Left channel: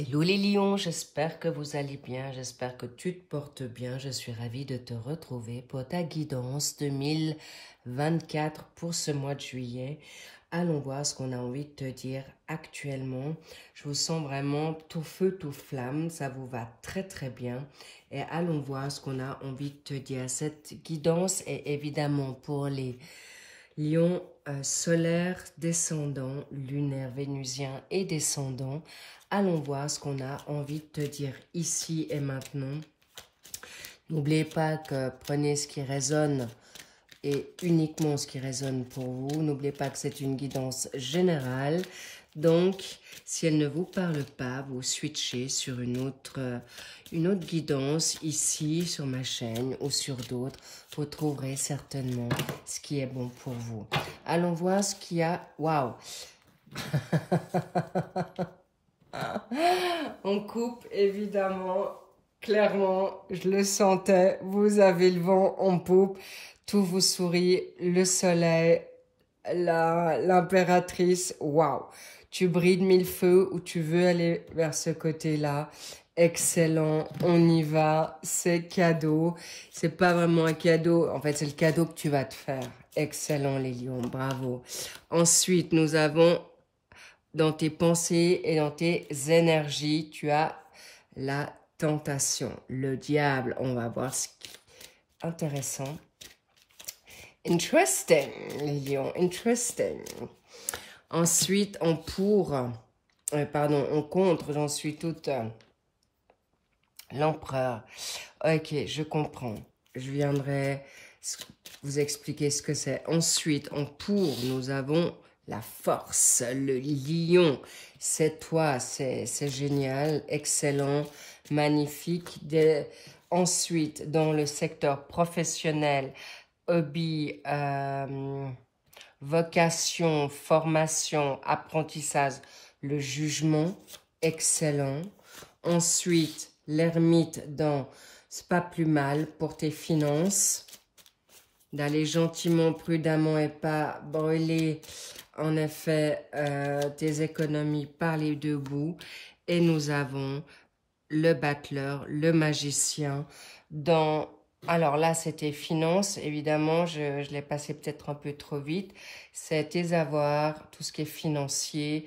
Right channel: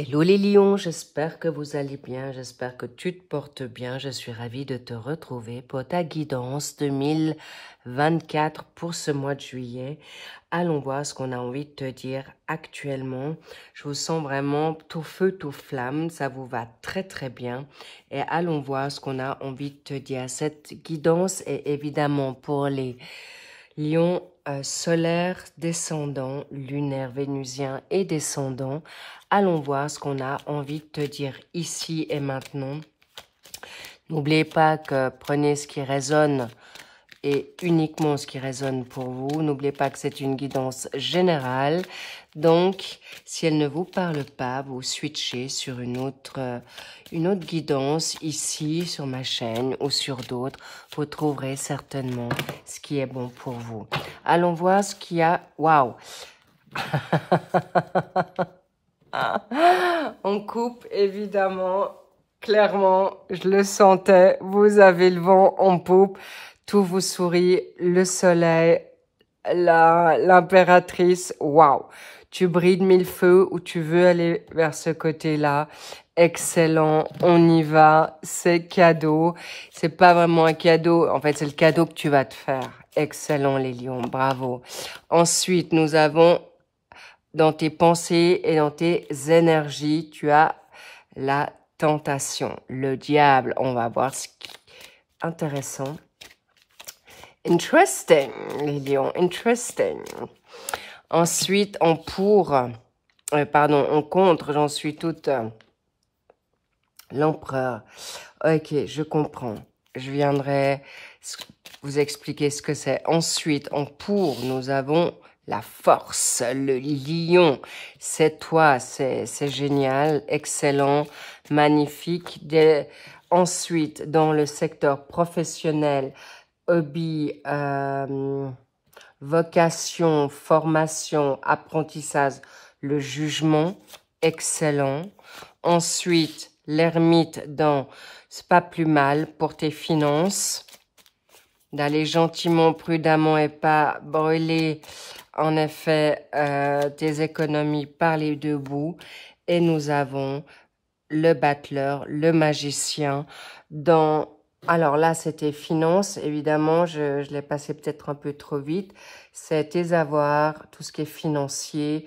Hello les lions, j'espère que vous allez bien, j'espère que tu te portes bien. Je suis ravie de te retrouver pour ta guidance 2024 pour ce mois de juillet. Allons voir ce qu'on a envie de te dire actuellement. Je vous sens vraiment tout feu, tout flamme, ça vous va très très bien. Et allons voir ce qu'on a envie de te dire. Cette guidance est évidemment pour les lions solaires, descendants, lunaires, vénusiens et descendants. Allons voir ce qu'on a envie de te dire ici et maintenant. N'oubliez pas que prenez ce qui résonne et uniquement ce qui résonne pour vous. N'oubliez pas que c'est une guidance générale. Donc, si elle ne vous parle pas, vous switchez sur une autre guidance ici sur ma chaîne ou sur d'autres. Vous trouverez certainement ce qui est bon pour vous. Allons voir ce qu'il y a. Waouh! On coupe, évidemment, clairement, je le sentais, vous avez le vent en poupe, tout vous sourit, le soleil, l'impératrice, waouh, tu brilles de mille feux ou tu veux aller vers ce côté-là, excellent, on y va, c'est cadeau, c'est pas vraiment un cadeau, en fait c'est le cadeau que tu vas te faire, excellent les lions, bravo. Ensuite, nous avons dans tes pensées et dans tes énergies, tu as la tentation, le diable. On va voir ce qui est intéressant. Interesting, les lions, interesting. Ensuite, en contre, j'en suis toute l'empereur. Ok, je comprends. Je viendrai vous expliquer ce que c'est. Ensuite, en pour, nous avons la force, le lion, c'est toi, c'est génial, excellent, magnifique. Ensuite, dans le secteur professionnel, hobby, vocation, formation, apprentissage, le jugement, excellent. Ensuite, l'ermite dans « c'est pas plus mal » pour tes finances. D'aller gentiment, prudemment et pas brûler, en effet, tes économies par les deux bouts. Et nous avons le battleur, le magicien. Alors là, c'était finances, évidemment, je l'ai passé peut-être un peu trop vite. C'est tes avoirs, tout ce qui est financier,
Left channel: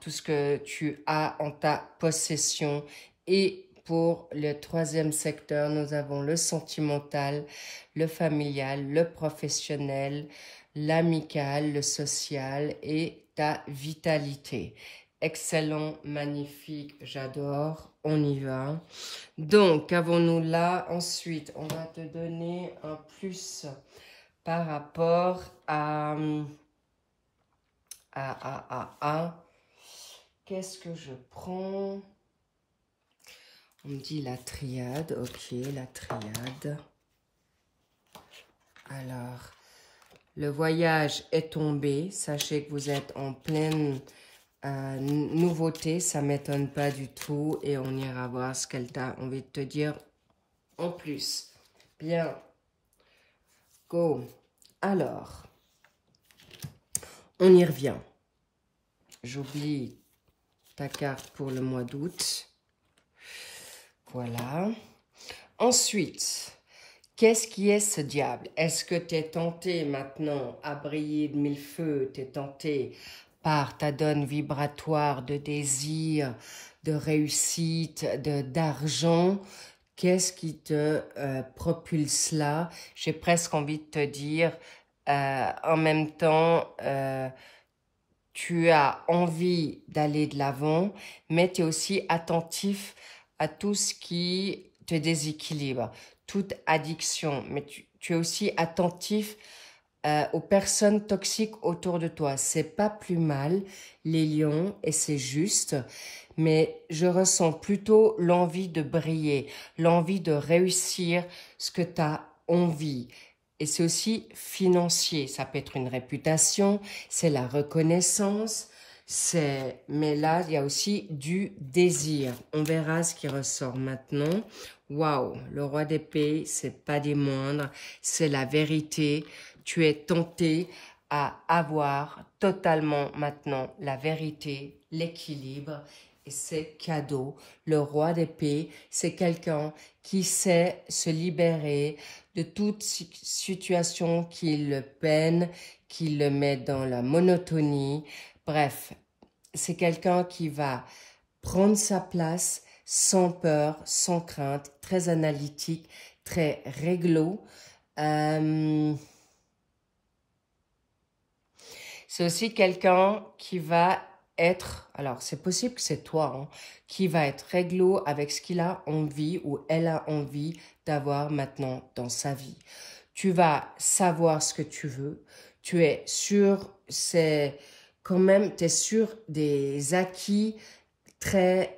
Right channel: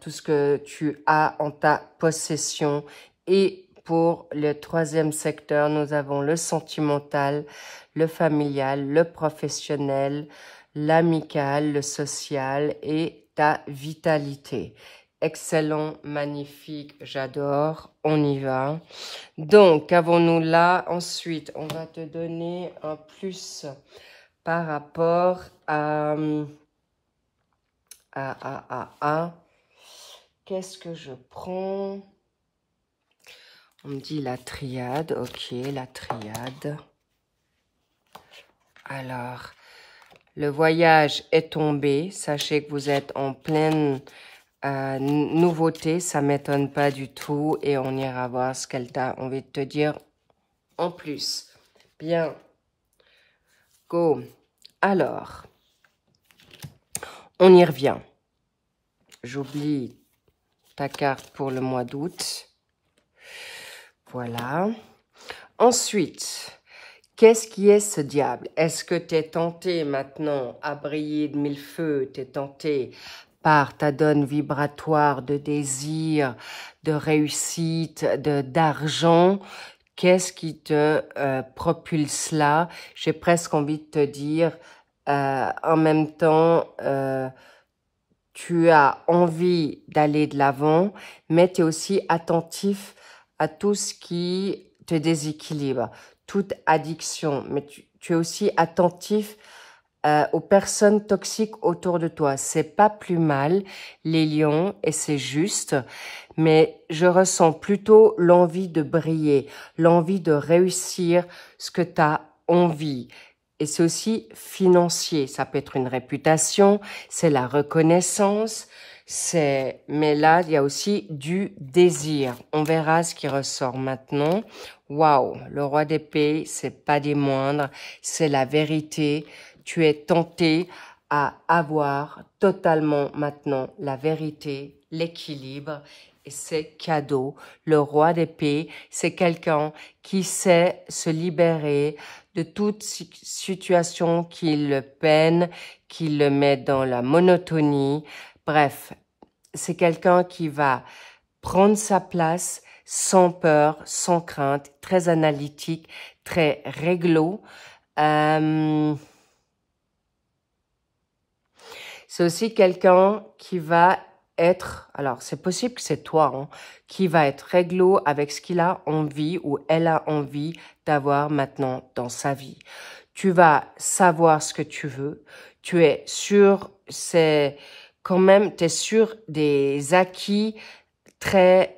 tout ce que tu as en ta possession. Et pour le troisième secteur, nous avons le sentimental, le familial, le professionnel, l'amical, le social et ta vitalité. Excellent, magnifique, j'adore, on y va. Donc, qu'avons-nous là? Ensuite, on va te donner un plus par rapport à qu'est-ce que je prends? On me dit la triade, ok, la triade. Alors, le voyage est tombé. Sachez que vous êtes en pleine nouveauté. Ça ne m'étonne pas du tout. Et on ira voir ce qu'elle t'a envie de te dire en plus. Bien. Go. Alors, on y revient. J'oublie ta carte pour le mois d'août. Voilà. Ensuite, qu'est-ce qui est ce diable? Est-ce que tu es tenté maintenant à briller de mille feux? Tu es tenté par ta donne vibratoire de désir, de réussite, d'argent? Qu'est-ce qui te propulse là? J'ai presque envie de te dire, en même temps, tu as envie d'aller de l'avant, mais tu es aussi attentif à tout ce qui te déséquilibre, toute addiction, mais tu es aussi attentif aux personnes toxiques autour de toi. C'est pas plus mal, les lions, et c'est juste, mais je ressens plutôt l'envie de briller, l'envie de réussir ce que tu as envie. Et c'est aussi financier, ça peut être une réputation, c'est la reconnaissance, mais là, il y a aussi du désir. On verra ce qui ressort maintenant. Waouh, le roi d'épée, c'est pas des moindres, c'est la vérité. Tu es tenté à avoir totalement maintenant la vérité l'équilibre et c'est cadeau. Le roi d'épée, c'est quelqu'un qui sait se libérer de toute situation qui le peine, qui le met dans la monotonie. Bref, c'est quelqu'un qui va prendre sa place sans peur, sans crainte, très analytique, très réglo. C'est aussi quelqu'un qui va être, alors c'est possible que c'est toi, hein, qui va être réglo avec ce qu'il a envie ou elle a envie d'avoir maintenant dans sa vie. Tu vas savoir ce que tu veux, tu es sûr, c'est quand même, tu es sûr des acquis très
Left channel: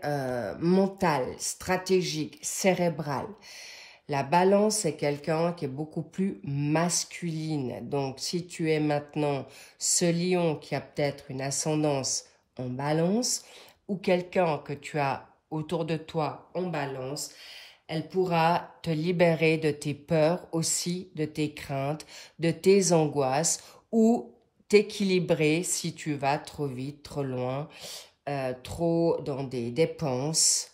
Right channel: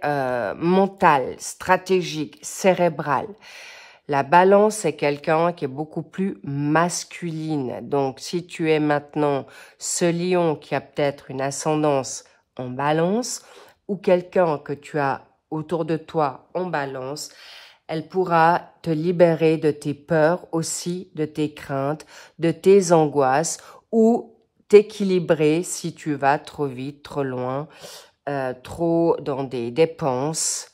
mental, stratégique, cérébral. La balance est quelqu'un qui est beaucoup plus masculine. Donc, si tu es maintenant ce lion qui a peut-être une ascendance en balance ou quelqu'un que tu as autour de toi en balance, elle pourra te libérer de tes peurs aussi, de tes craintes, de tes angoisses ou t'équilibrer si tu vas trop vite, trop loin, trop dans des dépenses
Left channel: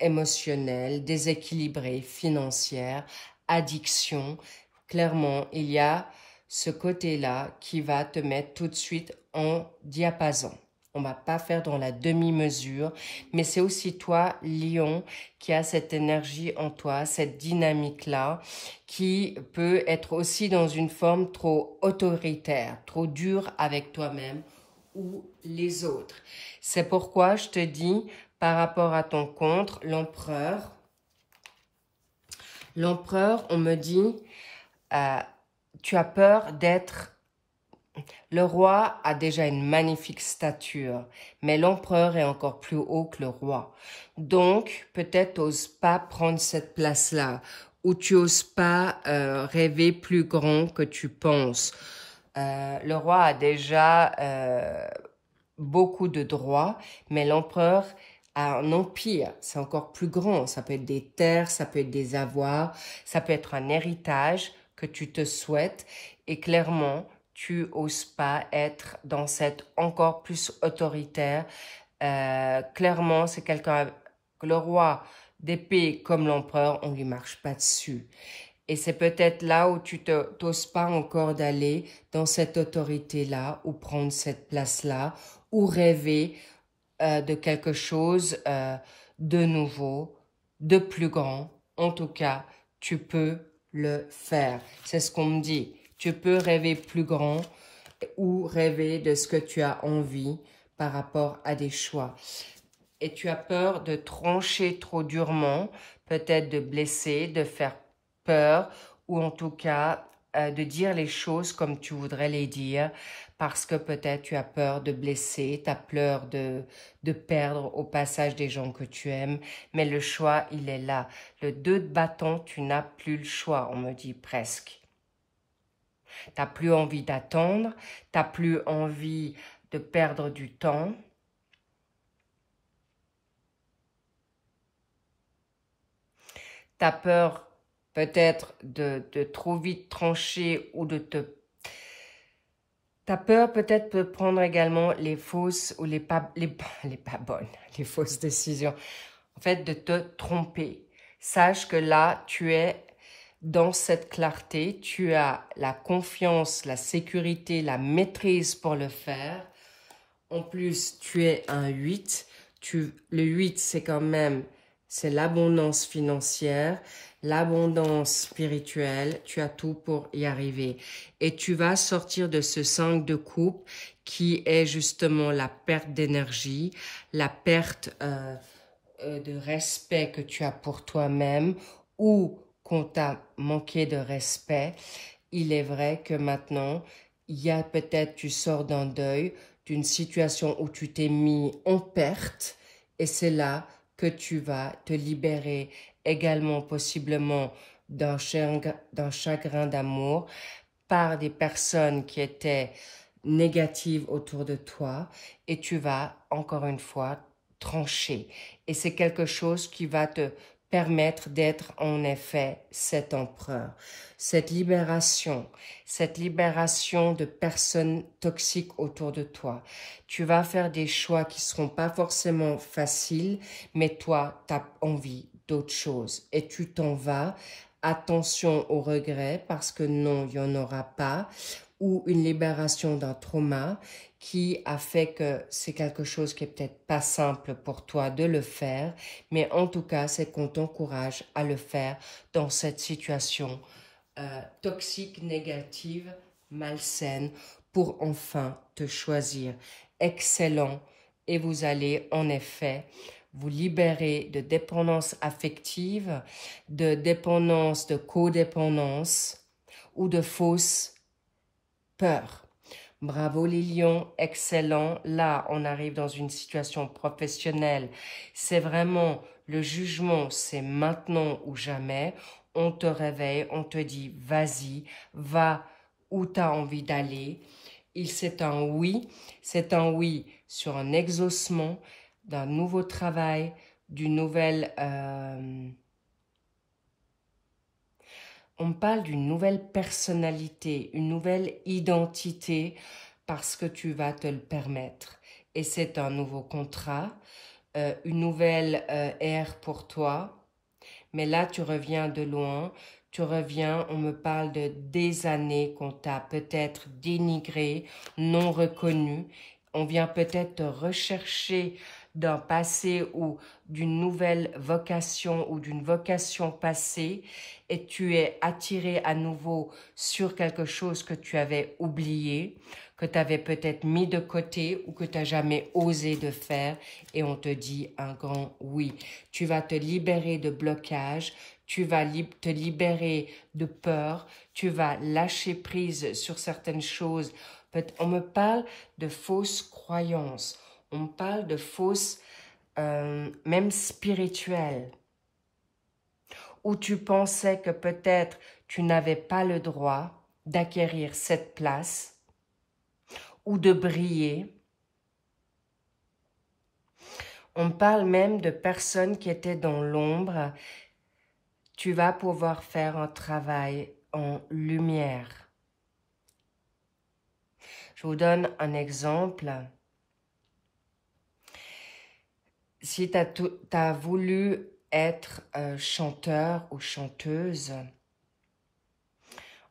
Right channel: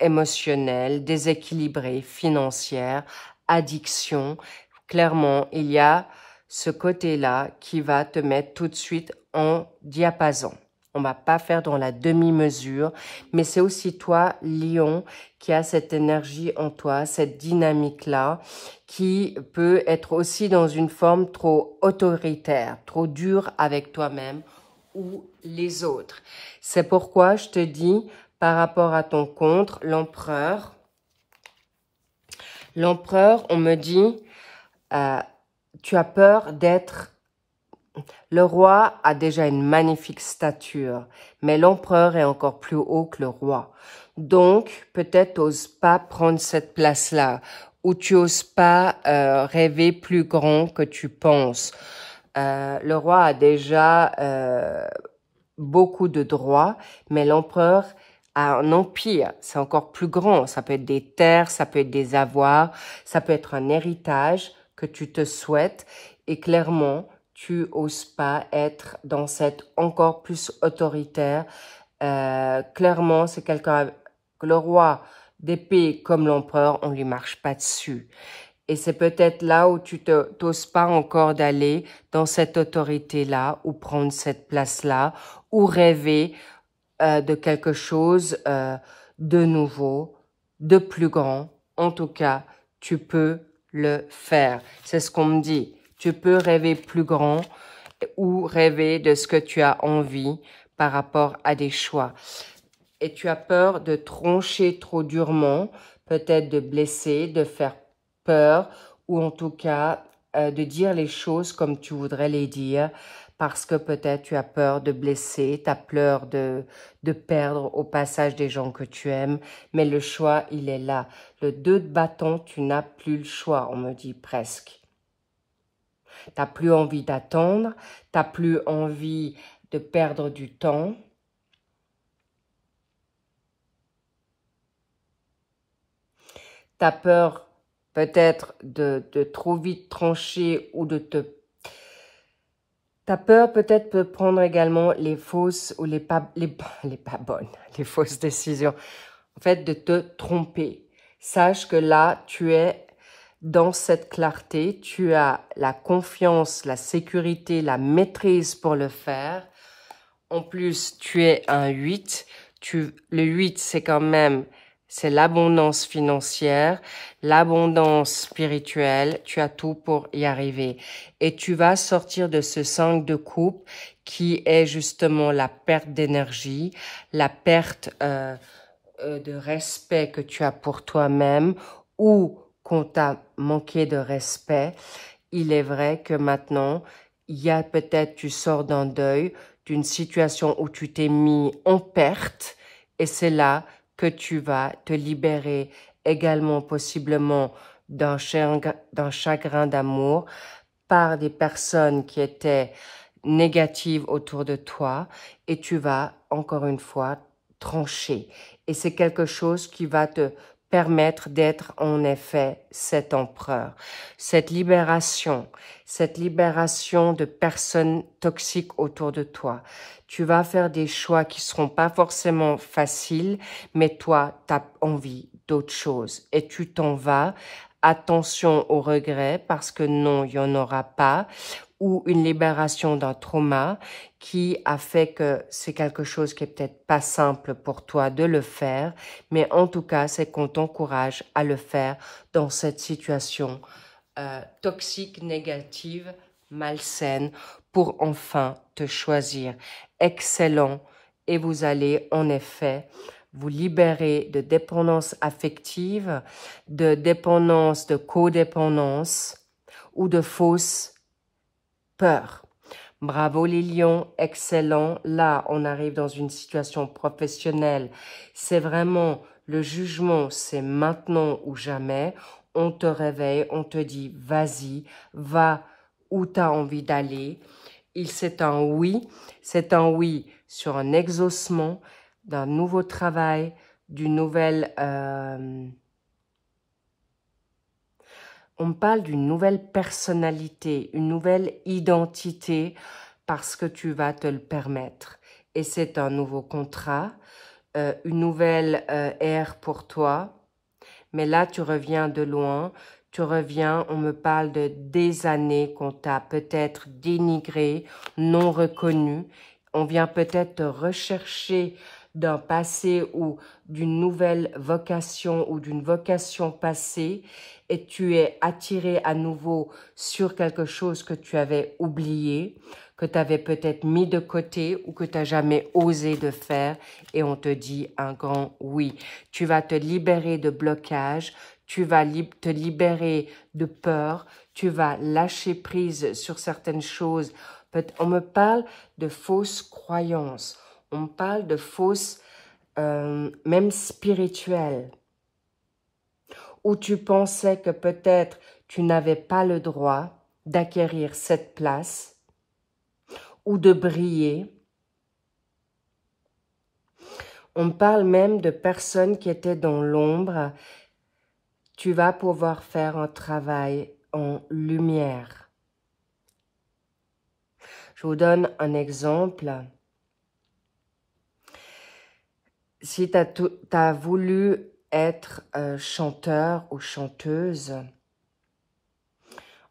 émotionnelles, déséquilibrées, financières, addiction. Clairement, il y a ce côté-là qui va te mettre tout de suite en diapason. On va pas faire dans la demi-mesure, mais c'est aussi toi, Lion, qui a cette énergie en toi, cette dynamique-là, qui peut être aussi dans une forme trop autoritaire, trop dure avec toi-même ou les autres. C'est pourquoi je te dis, par rapport à ton contre, l'empereur. L'empereur, on me dit, tu as peur d'être... Le roi a déjà une magnifique stature, mais l'empereur est encore plus haut que le roi. Donc, peut-être n'ose pas prendre cette place-là, ou tu n'oses pas rêver plus grand que tu penses. Le roi a déjà beaucoup de droits, mais l'empereur a un empire, c'est encore plus grand. Ça peut être des terres, ça peut être des avoirs, ça peut être un héritage que tu te souhaites. Et clairement, tu n'oses pas être dans cette encore plus autoritaire. Clairement, c'est quelqu'un, le roi d'épée comme l'empereur, on ne lui marche pas dessus. Et c'est peut-être là où tu n'oses pas encore d'aller dans cette autorité-là ou prendre cette place-là ou rêver de quelque chose de nouveau, de plus grand. En tout cas, tu peux le faire. C'est ce qu'on me dit. Tu peux rêver plus grand ou rêver de ce que tu as envie par rapport à des choix. Et tu as peur de troncher trop durement, peut-être de blesser, de faire peur ou en tout cas de dire les choses comme tu voudrais les dire parce que peut-être tu as peur de blesser, tu as peur de perdre au passage des gens que tu aimes, mais le choix, il est là. Le 2 de bâton, tu n'as plus le choix, on me dit presque. Tu n'as plus envie d'attendre, tu n'as plus envie de perdre du temps. Tu as peur peut-être de trop vite trancher ou de te... Tu as peur peut-être de prendre également les fausses ou les pas bonnes, les fausses décisions. En fait, de te tromper. Sache que là, tu es dans cette clarté, tu as la confiance, la sécurité, la maîtrise pour le faire. En plus, tu es un 8. Le 8, c'est quand même... C'est l'abondance financière, l'abondance spirituelle. Tu as tout pour y arriver. Et tu vas sortir de ce 5 de coupe qui est justement la perte d'énergie, la perte de respect que tu as pour toi-même ou qu'on t'a manqué de respect. Il est vrai que maintenant, il y a peut-être, tu sors d'un deuil, d'une situation où tu t'es mis en perte et c'est là que tu vas te libérer également possiblement d'un chagrin d'amour par des personnes qui étaient négatives autour de toi et tu vas encore une fois trancher. Et c'est quelque chose qui va te permettre d'être en effet cet empereur. Cette libération de personnes toxiques autour de toi. Tu vas faire des choix qui seront pas forcément faciles, mais toi, tu as envie d'autre chose et tu t'en vas. Attention aux regrets parce que non, il n'y en aura pas. Ou une libération d'un trauma qui a fait que c'est quelque chose qui est peut-être pas simple pour toi de le faire, mais en tout cas, c'est qu'on t'encourage à le faire dans cette situation toxique, négative, malsaine, pour enfin te choisir. Excellent. Et vous allez en effet vous libérer de dépendance affective, de dépendance, de codépendance ou de fausses peurs. Bravo les lions, excellent. Là, on arrive dans une situation professionnelle. C'est vraiment le jugement, c'est maintenant ou jamais. On te réveille, on te dit, vas-y, va où tu as envie d'aller. C'est un oui sur un exaucement, d'un nouveau travail, d'une nouvelle... on parle d'une nouvelle personnalité, une nouvelle identité parce que tu vas te le permettre. Et c'est un nouveau contrat, une nouvelle ère pour toi. Mais là, tu reviens de loin. Tu reviens, on me parle de des années qu'on t'a peut-être dénigré, non reconnu. On vient peut-être te rechercher d'un passé ou d'une nouvelle vocation ou d'une vocation passée et tu es attiré à nouveau sur quelque chose que tu avais oublié, que tu avais peut-être mis de côté ou que tu n'as jamais osé de faire et on te dit un grand oui. Tu vas te libérer de blocage, tu vas te libérer de peur, tu vas lâcher prise sur certaines choses. On me parle de fausses croyances, on me parle de fausses, même spirituelles, où tu pensais que peut-être tu n'avais pas le droit d'acquérir cette place ou de briller. On parle même de personnes qui étaient dans l'ombre. Tu vas pouvoir faire un travail en lumière. Je vous donne un exemple. Si tu as voulu être chanteur ou chanteuse,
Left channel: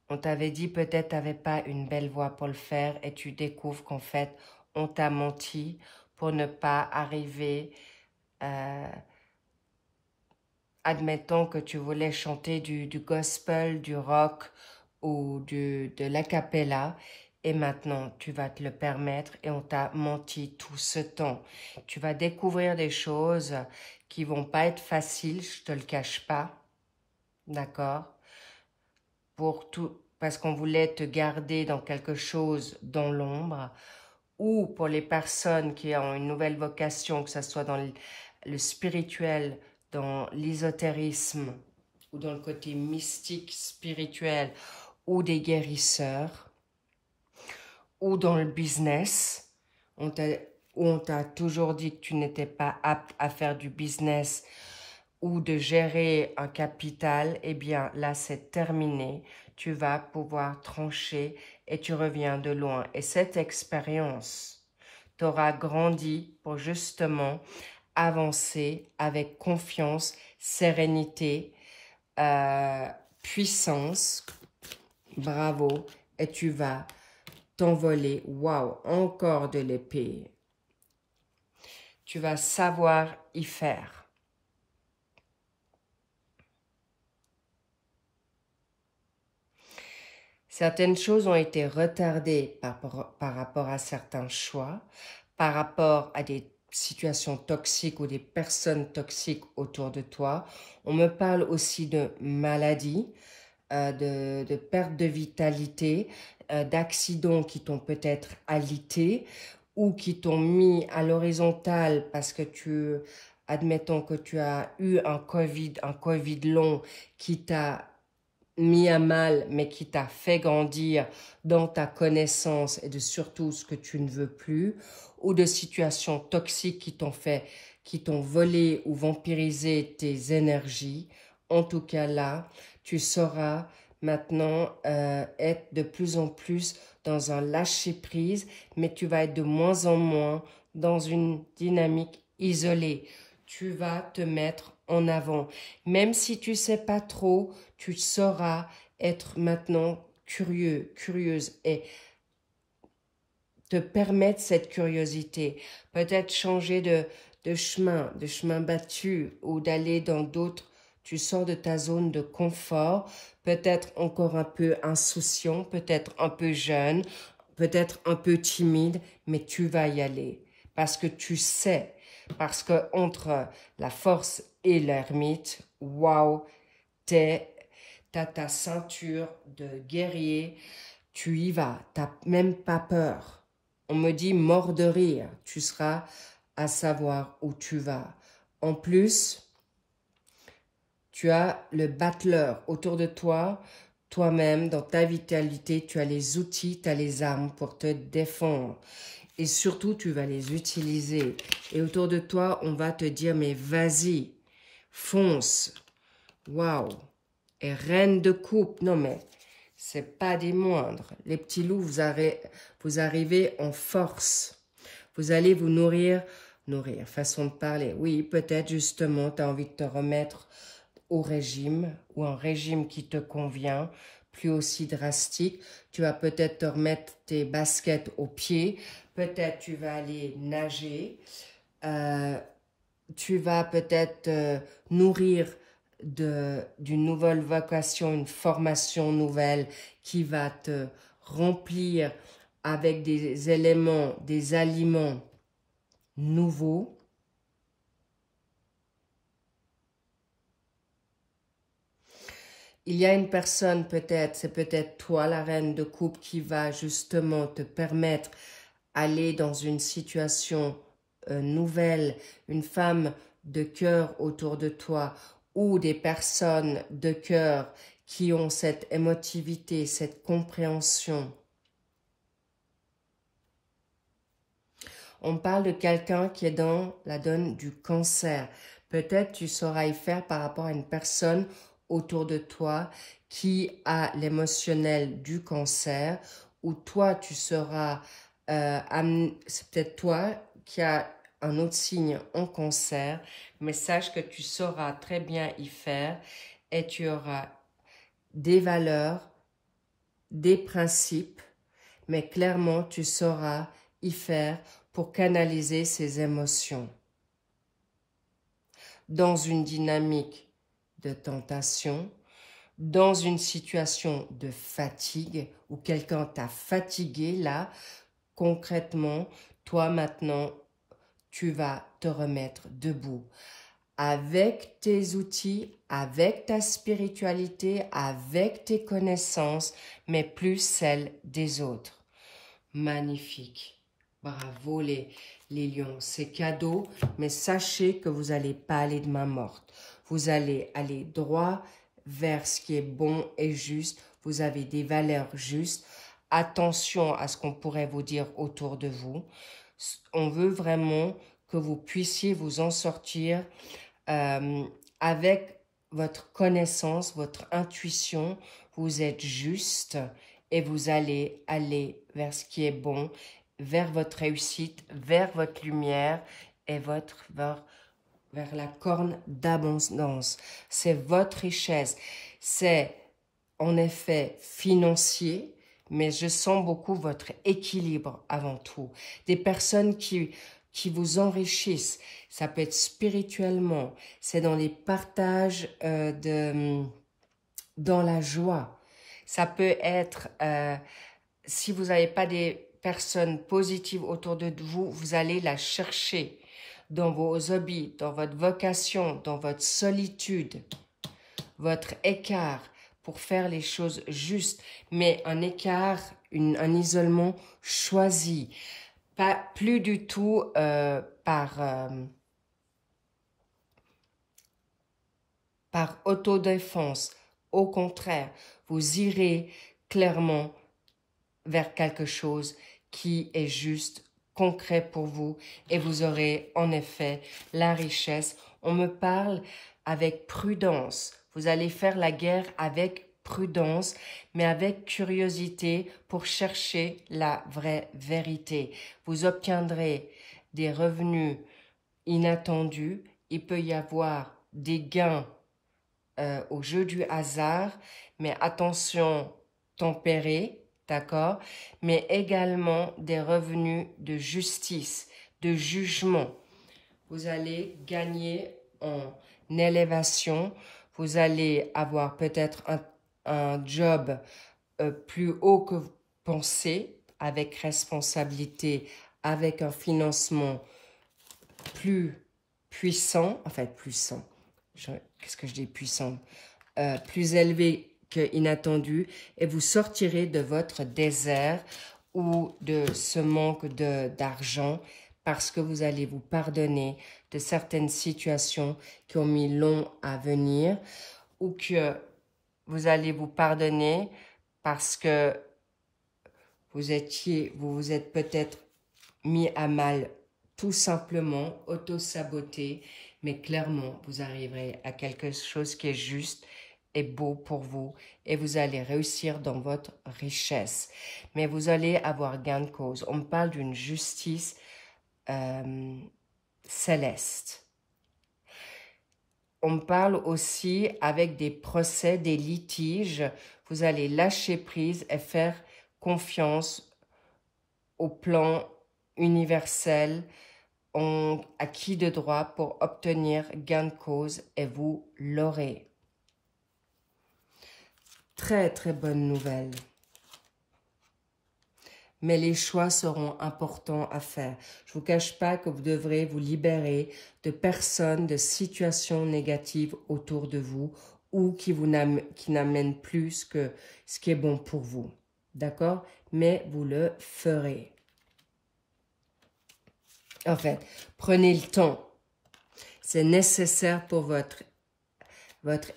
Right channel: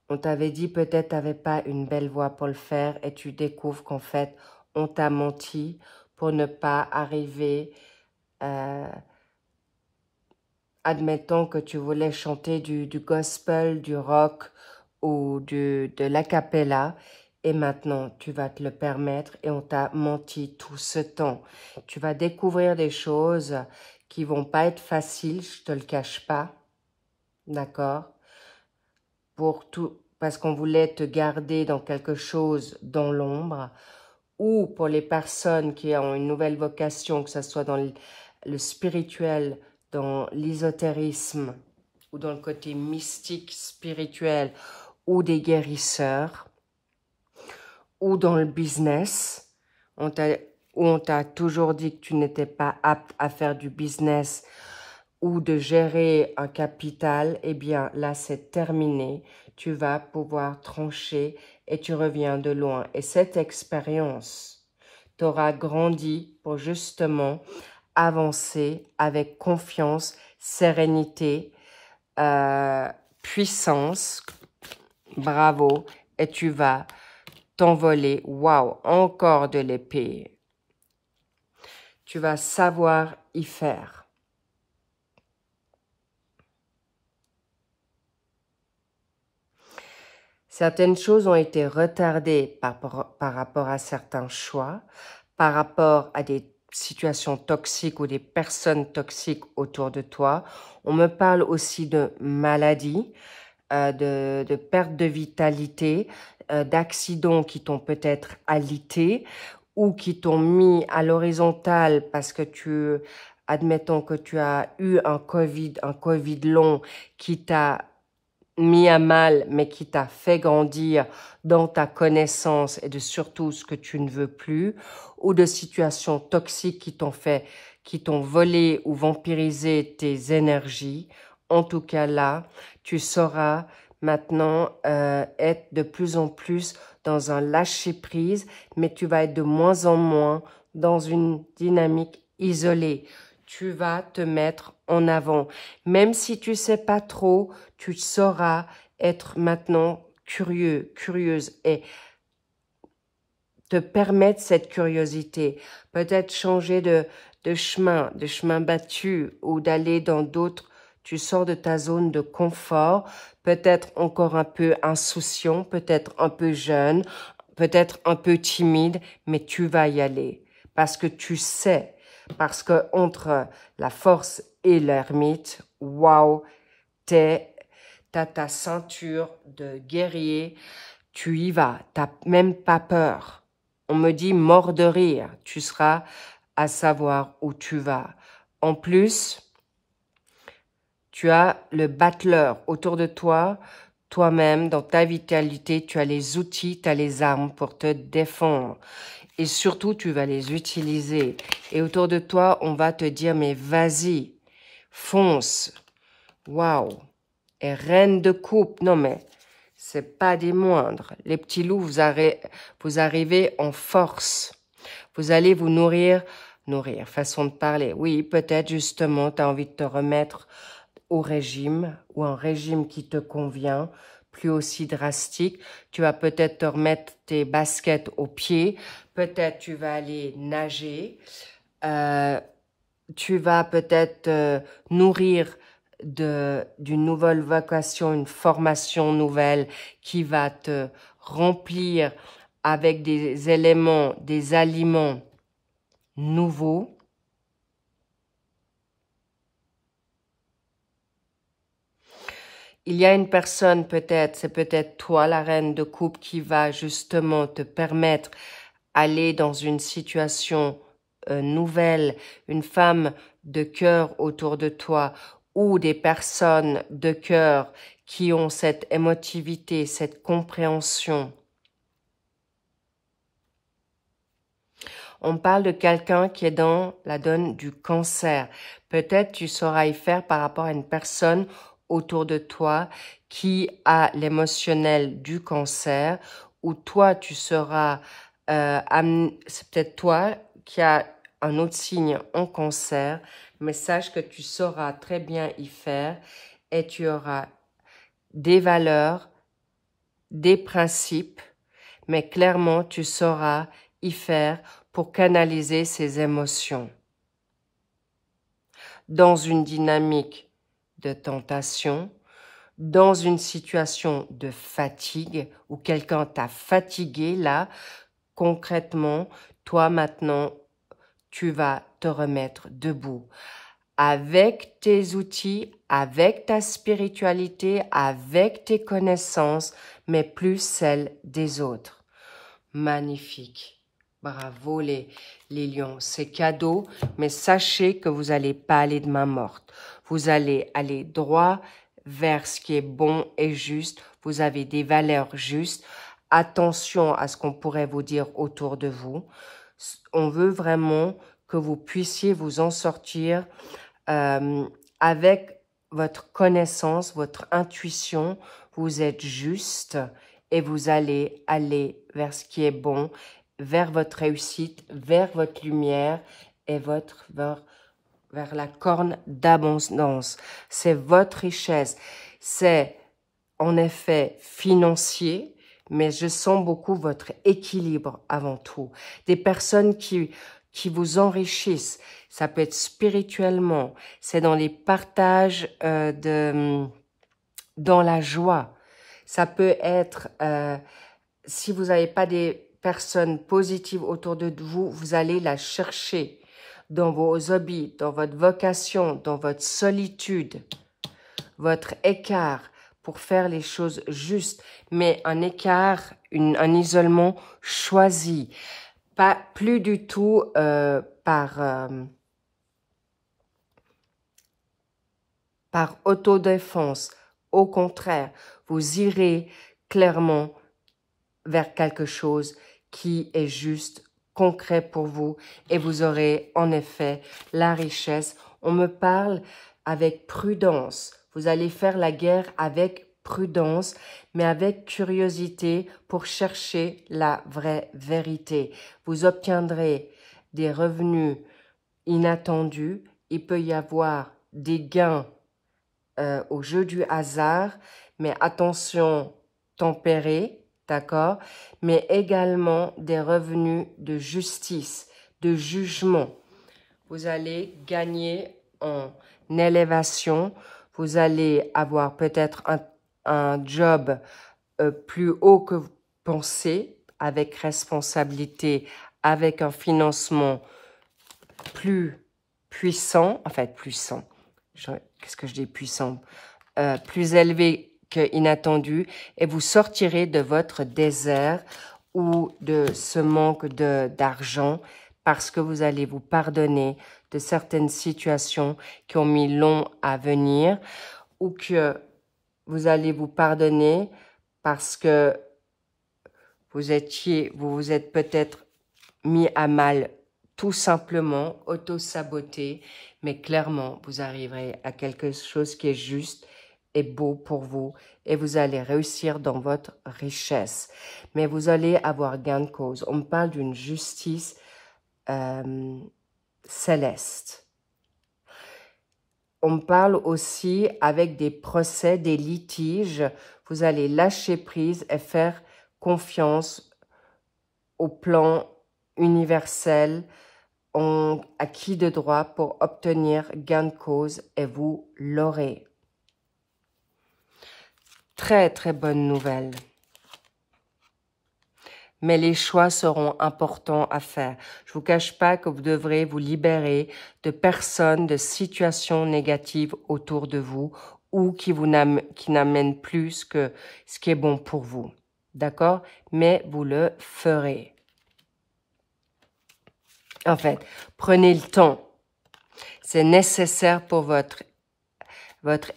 on t'avait dit peut-être tu n'avais pas une belle voix pour le faire et tu découvres qu'en fait, on t'a menti pour ne pas arriver, admettons que tu voulais chanter du gospel, du rock ou de l'acapella et maintenant tu vas te le permettre et on t'a menti tout ce temps. Tu vas découvrir des choses qui vont pas être faciles, je te le cache pas, d'accord? Parce qu'on voulait te garder dans quelque chose dans l'ombre, ou pour les personnes qui ont une nouvelle vocation, que ce soit dans le spirituel, dans l'ésotérisme, ou dans le côté mystique, spirituel, ou des guérisseurs, ou dans le business, où on t'a toujours dit que tu n'étais pas apte à faire du business, ou de gérer un capital, eh bien là c'est terminé. Tu vas pouvoir trancher et tu reviens de loin. Et cette expérience t'aura grandi pour justement avancer avec confiance, sérénité, puissance. Bravo. Et tu vas t'envoler. Waouh, encore de l'épée. Tu vas savoir y faire. Certaines choses ont été retardées par rapport à certains choix, par rapport à des situations toxiques ou des personnes toxiques autour de toi. On me parle aussi de maladies, de perte de vitalité, d'accidents qui t'ont peut-être alité ou qui t'ont mis à l'horizontale parce que admettons que tu as eu un COVID long qui t'a mis à mal, mais qui t'a fait grandir dans ta connaissance et de surtout ce que tu ne veux plus, ou de situations toxiques qui t'ont volé ou vampirisé tes énergies. En tout cas là, tu sauras maintenant être de plus en plus dans un lâcher-prise, mais tu vas être de moins en moins dans une dynamique isolée. Tu vas te mettre en avant. Même si tu ne sais pas trop, tu sauras être maintenant curieux, curieuse et te permettre cette curiosité. Peut-être changer de chemin battu ou d'aller dans d'autres. Tu sors de ta zone de confort, peut-être encore un peu insouciant, peut-être un peu jeune, peut-être un peu timide, mais tu vas y aller parce que tu sais, parce que entre la force et l'ermite, waouh, t'as ta ceinture de guerrier, tu y vas, t'as même pas peur. On me dit mort de rire, tu seras à savoir où tu vas. En plus, tu as le battleur autour de toi, toi-même, dans ta vitalité, tu as les outils, tu as les armes pour te défendre. Et surtout, tu vas les utiliser. Et autour de toi, on va te dire, mais vas-y, fonce. Waouh. Et reine de coupe, non mais, c'est pas des moindres. Les petits loups, vous arrivez en force. Vous allez vous nourrir, façon de parler. Oui, peut-être justement, tu as envie de te remettre au régime ou un régime qui te convient, plus aussi drastique. Tu vas peut-être te remettre tes baskets aux pieds. Peut-être tu vas aller nager. Tu vas peut-être nourrir d'une nouvelle vocation, une formation nouvelle qui va te remplir avec des éléments, des aliments nouveaux. Il y a une personne peut-être, c'est peut-être toi la reine de coupe qui va justement te permettre d'aller dans une situation nouvelle, une femme de cœur autour de toi ou des personnes de cœur qui ont cette émotivité, cette compréhension. On parle de quelqu'un qui est dans la donne du cancer. Peut-être tu sauras y faire par rapport à une personne autour de toi qui a l'émotionnel du cancer, ou toi tu seras, c'est peut-être toi qui as un autre signe en cancer, mais sache que tu sauras très bien y faire et tu auras des valeurs, des principes, mais clairement tu sauras y faire pour canaliser ces émotions. Dans une dynamique de tentation, dans une situation de fatigue, où quelqu'un t'a fatigué, là, concrètement, toi maintenant, tu vas te remettre debout. Avec tes outils, avec ta spiritualité, avec tes connaissances, mais plus celles des autres. Magnifique. Bravo les lions, c'est cadeau, mais sachez que vous n'allez pas aller de main morte. Vous allez aller droit vers ce qui est bon et juste. Vous avez des valeurs justes. Attention à ce qu'on pourrait vous dire autour de vous. On veut vraiment que vous puissiez vous en sortir avec votre connaissance, votre intuition. Vous êtes juste et vous allez aller vers ce qui est bon, vers votre réussite, vers votre lumière et vers la corne d'abondance. C'est votre richesse. C'est en effet financier, mais je sens beaucoup votre équilibre avant tout. Des personnes qui vous enrichissent. Ça peut être spirituellement. C'est dans les partages, dans la joie. Ça peut être, si vous n'avez pas des personnes positives autour de vous, vous allez la chercher dans vos hobbies, dans votre vocation, dans votre solitude, votre écart pour faire les choses justes, mais un écart, un isolement choisi, pas plus du tout par autodéfense. Au contraire, vous irez clairement vers quelque chose qui est juste, concret pour vous, et vous aurez en effet la richesse. On me parle avec prudence. Vous allez faire la guerre avec prudence, mais avec curiosité pour chercher la vraie vérité. Vous obtiendrez des revenus inattendus. Il peut y avoir des gains au jeu du hasard, mais attention, tempéré, d'accord? Mais également des revenus de justice, de jugement. Vous allez gagner en élévation. Vous allez avoir peut-être un job plus haut que vous pensez, avec responsabilité, avec un financement plus puissant, en fait puissant, qu'est-ce que je dis puissant, plus élevé que inattendu, et vous sortirez de votre désert ou de ce manque d'argent parce que vous allez vous pardonner de certaines situations qui ont mis long à venir, ou que vous allez vous pardonner parce que vous vous êtes peut-être mis à mal tout simplement, auto-saboté, mais clairement, vous arriverez à quelque chose qui est juste et beau pour vous et vous allez réussir dans votre richesse. Mais vous allez avoir gain de cause. On me parle d'une justice céleste. On me parle aussi avec des procès, des litiges. Vous allez lâcher prise et faire confiance au plan universel, acquis de droit pour obtenir gain de cause et vous l'aurez. Très, très bonne nouvelle. Mais les choix seront importants à faire. Je ne vous cache pas que vous devrez vous libérer de personnes, de situations négatives autour de vous ou qui n'amènent plus que ce qui est bon pour vous. D'accord? Mais vous le ferez. En fait, prenez le temps. C'est nécessaire pour votre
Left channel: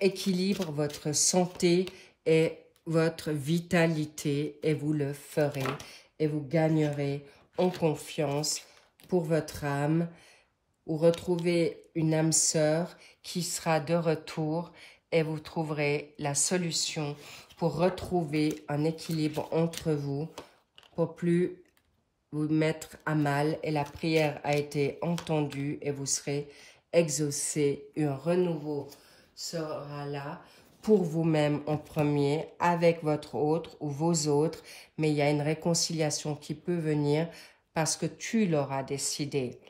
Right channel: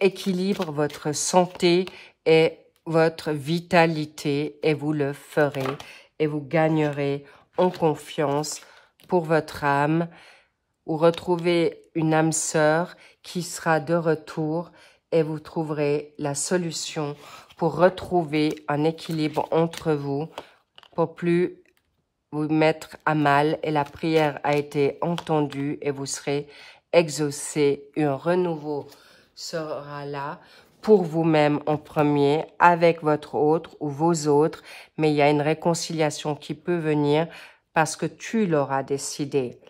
équilibre, votre santé et votre vitalité et vous le ferez et vous gagnerez en confiance pour votre âme ou retrouvez une âme sœur qui sera de retour et vous trouverez la solution pour retrouver un équilibre entre vous pour plus vous mettre à mal et la prière a été entendue et vous serez exaucé. Un renouveau sera là pour vous-même en premier, avec votre autre ou vos autres, mais il y a une réconciliation qui peut venir parce que tu l'auras décidé,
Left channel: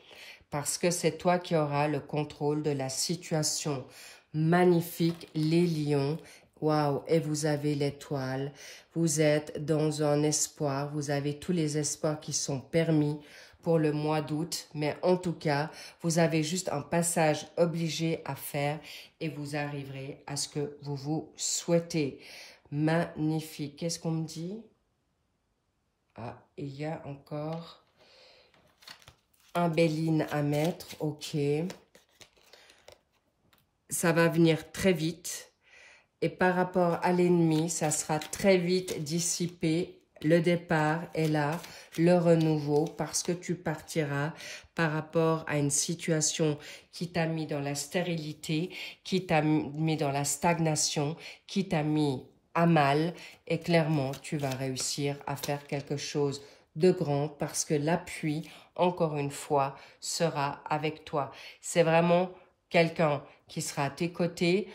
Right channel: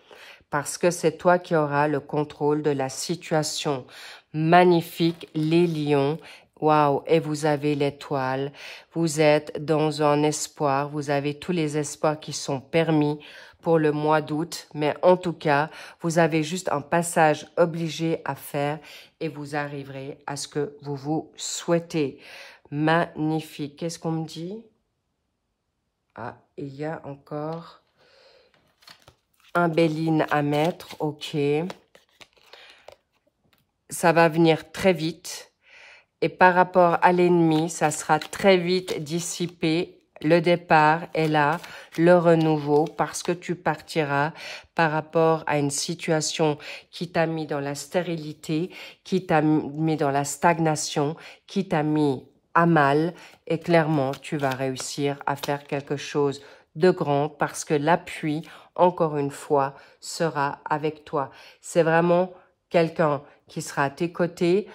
parce que c'est toi qui auras le contrôle de la situation. Magnifique, les lions. Waouh, et vous avez l'étoile, vous êtes dans un espoir, vous avez tous les espoirs qui sont permis pour le mois d'août, mais en tout cas, vous avez juste un passage obligé à faire et vous arriverez à ce que vous souhaitez. Magnifique. Qu'est-ce qu'on me dit? Ah, il y a encore un Béline à mettre, ok. Ça va venir très vite. Et par rapport à l'ennemi, ça sera très vite dissipé. Le départ est là, le renouveau, parce que tu partiras par rapport à une situation qui t'a mis dans la stérilité, qui t'a mis dans la stagnation, qui t'a mis à mal. Et clairement, tu vas réussir à faire quelque chose de grand parce que l'appui, encore une fois, sera avec toi. C'est vraiment quelqu'un qui sera à tes côtés,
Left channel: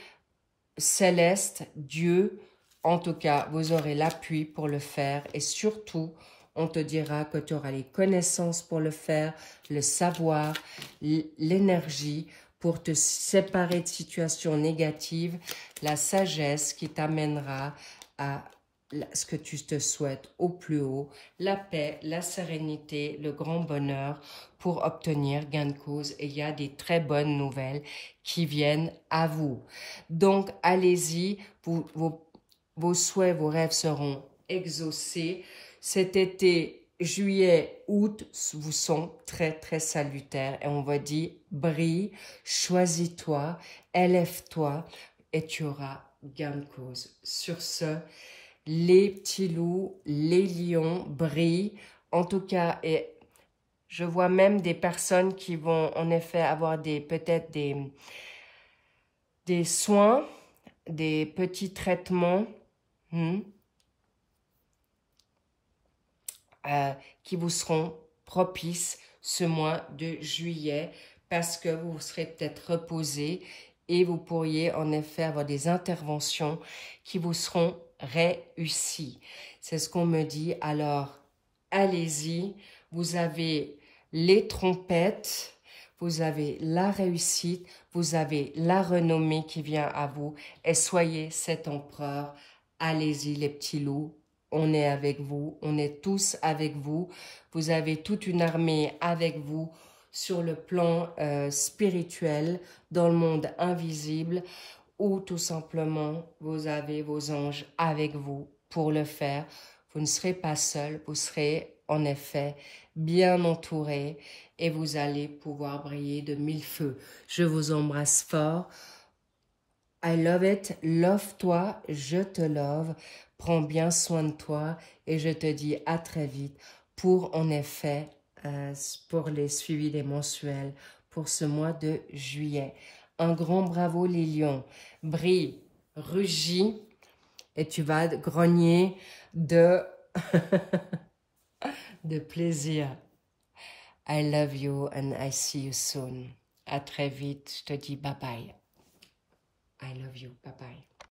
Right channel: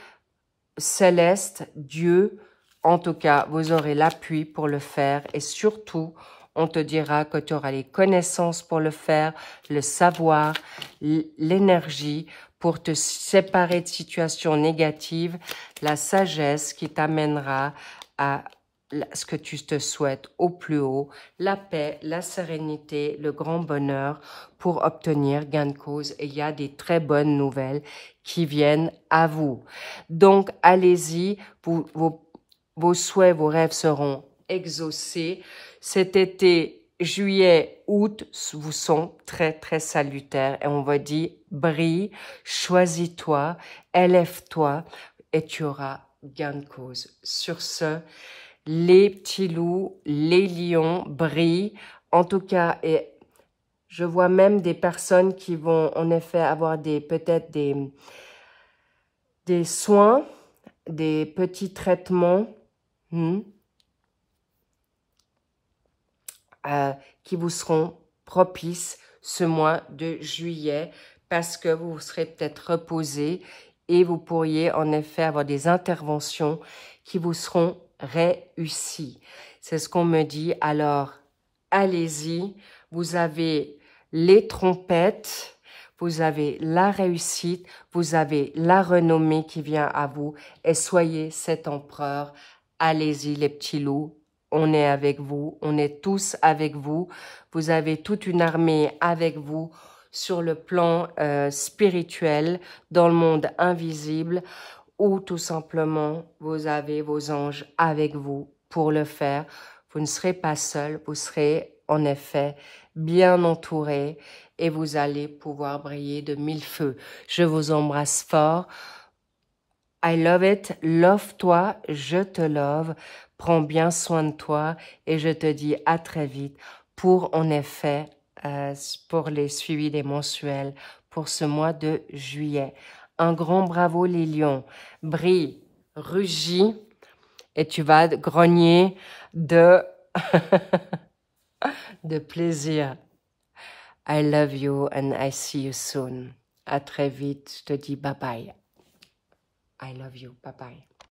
céleste, Dieu, en tout cas, vous aurez l'appui pour le faire et surtout, on te dira que tu auras les connaissances pour le faire, le savoir, l'énergie pour te séparer de situations négatives, la sagesse qui t'amènera à ce que tu te souhaites au plus haut, la paix, la sérénité, le grand bonheur pour obtenir gain de cause. Et il y a des très bonnes nouvelles qui viennent à vous. Donc, allez-y, vos souhaits, vos rêves seront exaucés. Cet été, juillet, août, vous sont très, très salutaires. Et on va dire, brille, choisis-toi, élève-toi et tu auras gain de cause. Sur ce, les petits loups, les lions brillent. En tout cas, et je vois même des personnes qui vont en effet avoir peut-être des soins, des petits traitements qui vous seront propices ce mois de juillet parce que vous serez peut-être reposé et vous pourriez en effet avoir des interventions qui vous seront réussies. C'est ce qu'on me dit. Alors, allez-y. Vous avez les trompettes, vous avez la réussite, vous avez la renommée qui vient à vous et soyez cet empereur. Allez-y les petits loups, on est avec vous, on est tous avec vous. Vous avez toute une armée avec vous sur le plan spirituel, dans le monde invisible, ou tout simplement vous avez vos anges avec vous pour le faire. Vous ne serez pas seul, vous serez en effet bien entouré et vous allez pouvoir briller de mille feux. Je vous embrasse fort. I love it. Love-toi, je te love. Prends bien soin de toi et je te dis à très vite pour en effet, pour les suivis des mensuels pour ce mois de juillet. Un grand bravo les lions. Brille, rugis et tu vas grogner de... de plaisir. I love you and I see you soon. À très vite. Je te dis bye bye. I love you. Bye bye.